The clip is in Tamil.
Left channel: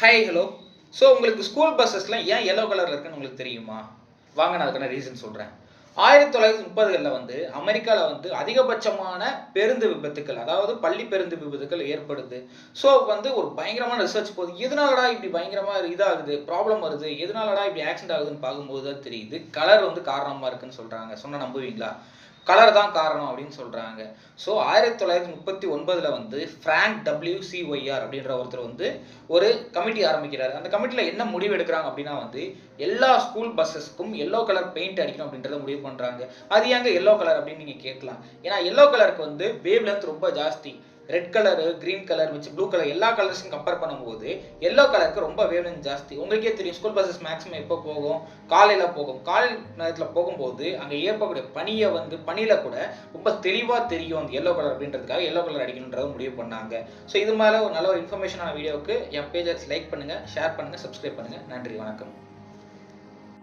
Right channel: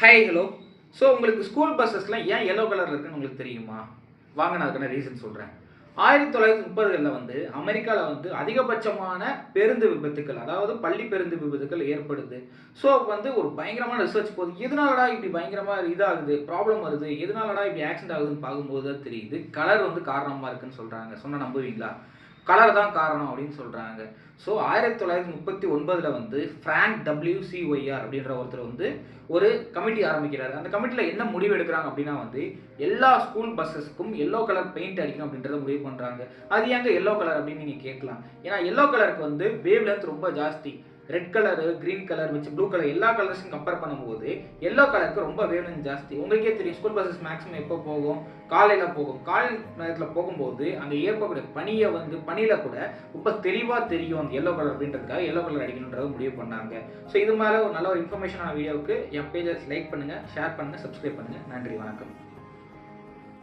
Hi hello. ஸோ உங்களுக்கு ஸ்கூல் பஸ்ஸஸ்லாம் ஏன் எல்லோ கலரில் இருக்குன்னு உங்களுக்கு தெரியுமா? வாங்க நான் அதுக்கான ரீசன் சொல்கிறேன். 1930களில் வந்து அமெரிக்காவில் வந்து அதிகபட்சமான பேருந்து விபத்துக்கள், அதாவது பள்ளி பேருந்து விபத்துக்கள் ஏற்படுது. ஸோ வந்து ஒரு பயங்கரமான ரிசர்ச் போகுது. எதனாலடா இப்படி பயங்கரமாக இதாகுது, ப்ராப்ளம் வருது, எதனாலடா இப்படி ஆக்சிடென்ட் ஆகுதுன்னு பார்க்கும்போது தான் தெரியுது, கலர் வந்து காரணமாக இருக்குன்னு சொல்கிறாங்க. சொன்னால் நம்புவீங்களா? கலர் தான் காரணம் அப்படின்னு சொல்கிறாங்க. ஸோ 1939 வந்து ஃப்ராங்க் WCYR அப்படின்ற ஒருத்தர் வந்து ஒரு கமிட்டி ஆரம்பிக்கிறார். அந்த கமிட்டியில் என்ன முடிவு எடுக்கிறாங்க அப்படின்னா வந்து எல்லா ஸ்கூல் பஸ்ஸஸ்க்கும் எல்லோ கலர் பெயிண்ட் அடிக்கணும் அப்படின்றத முடிவு பண்ணுறாங்க. அது ஏங்க எல்லோ கலர் அப்படின்னு நீங்கள் கேட்கலாம். ஏன்னா எல்லோ கலருக்கு வந்து வேவ் லென்த் ரொம்ப ஜாஸ்தி. ரெட் கலரு, கிரீன் கலர் வச்சு ப்ளூ கலர் எல்லா கலர்ஸையும் கம்பேர் பண்ணும்போது எல்லோ கலருக்கு ரொம்ப வேவ் லென்த் ஜாஸ்தி. உங்களுக்கே தெரியும் ஸ்கூல் பஸ்ஸஸ் மேக்ஸிமம் எப்போ போகும்? காலையில் போகும். காலை நேரத்தில் போகும்போது அங்கே ஏற்படக்கூடிய பனியை வந்து பனியில் கூட ரொம்ப தெளிவாக தெரியும் அந்த எல்லோ கலர் அப்படின்றதுக்காக எல்லோ கலர் அடிக்கணுன்றத முடிவு பண்ணாங்க. ஸோ இது மாதிரி ஒரு நல்ல ஒரு இன்ஃபர்மேஷனான வீடியோவுக்கு என் பேஜை லைக் பண்ணுங்கள், ஷேர் பண்ணுங்கள், சப்ஸ்கிரைப் பண்ணுங்கள். நன்றி, வணக்கம்.